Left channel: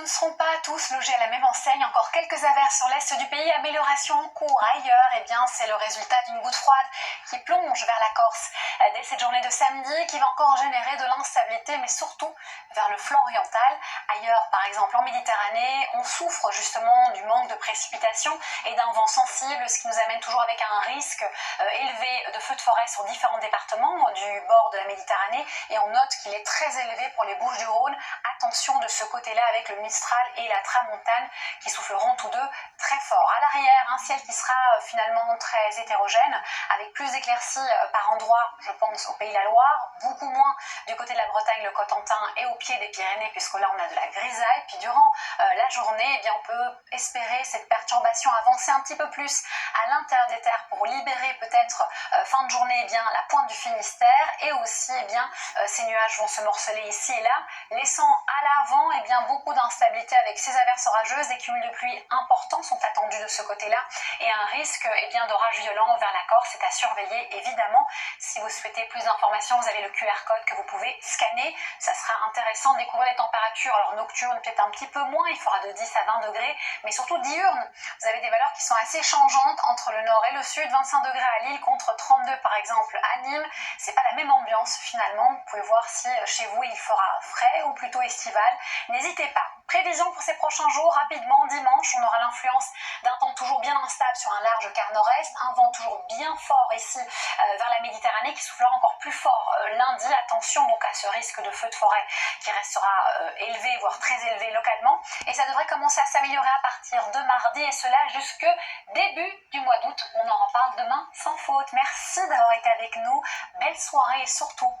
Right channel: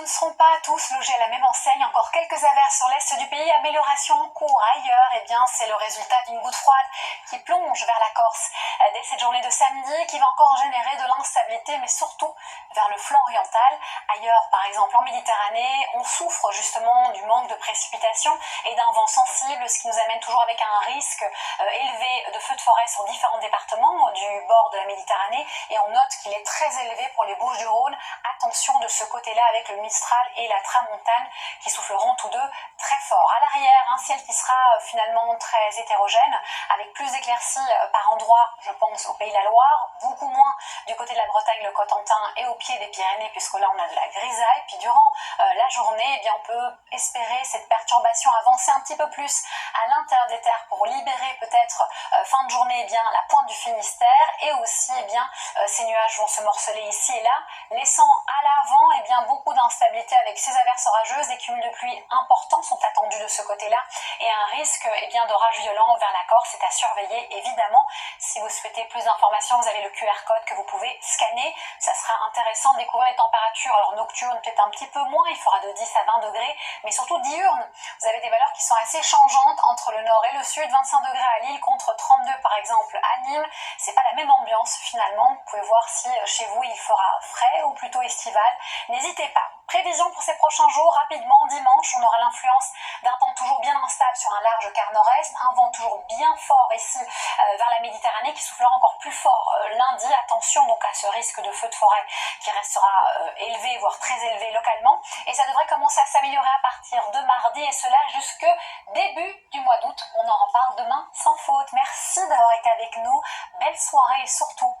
ne seront pas tous logés à la même enseigne. Encore quelques averses sur l'est du pays, amélioration en cours ailleurs. Eh bien, c'est le résultat d'une goutte froide qui plonge vers la Corse dès cette journée de samedi, qui va encore générer de l'instabilité, mais surtout vers le flanc oriental. Ailleurs, par exemple en Méditerranée, on souffre justement du manque de précipitations et d'un vent sensible, ce qui nous amène toujours avec un risque élevé de feux de forêt sur différents départements du bord de la Méditerranée. Et on note qu'il est très élevé pour les Bouches-du-Rhône. Attention de ce côté-là avec le Mistral et la Tramontane qui souffleront tous deux très fort. À l'arrière, un ciel qui sera finalement très hétérogène, avec plus d'éclaircies par endroits, je pense au Pays de la Loire, beaucoup moins du côté de la Bretagne, le Cotentin et au pied des Pyrénées, puisque là on a de la grisaille. Puis durant la journée, eh bien, on peut espérer cette perturbation avancer un petit peu plus à l'intérieur des terres pour libérer peut-être fin de journée bien la pointe du Finistère, et aussi ces nuages vont se morceler ici et là, laissant à l'avant beaucoup d'instabilité avec ces averses orageuses. Des cumuls de pluie importants sont attendus de ce côté-là et un risque d'orage violent vers la Corse est à surveiller évidemment. Si vous souhaitez plus d'informations, vous avez le QR code que vous pouvez scanner. Ça sera intéressant de découvrir les températures. Alors nocturnes peut-être un petit peu moins, il fera de 10 à 20 degrés, mais surtout diurnes. Vous avez des valeurs qui sont assez changeantes entre le nord et le sud. 25 degrés à Lille contre 32 par exemple à Nîmes. C'est pas la même ambiance finalement. Vous pouvez voir si chez vous il fera frais ou plutôt estival. N'hésitez pas. Prévision pour ces prochains jours, rapidement, dimanche, on aura l'influence d'un temps toujours bien instable sur un large quart nord-est, un vent toujours bien fort ici vers la Méditerranée qui soufflera encore plus fort lundi. Attention donc à ce risque de feu de forêt qui restera élevé, voire très élevé localement. Et ça devrait commencer à s'améliorer à partir de mardi et cela jusque début du mois d'août. On en reparle demain sans faute. Merci d'avoir été avec nous. Belle soirée et surtout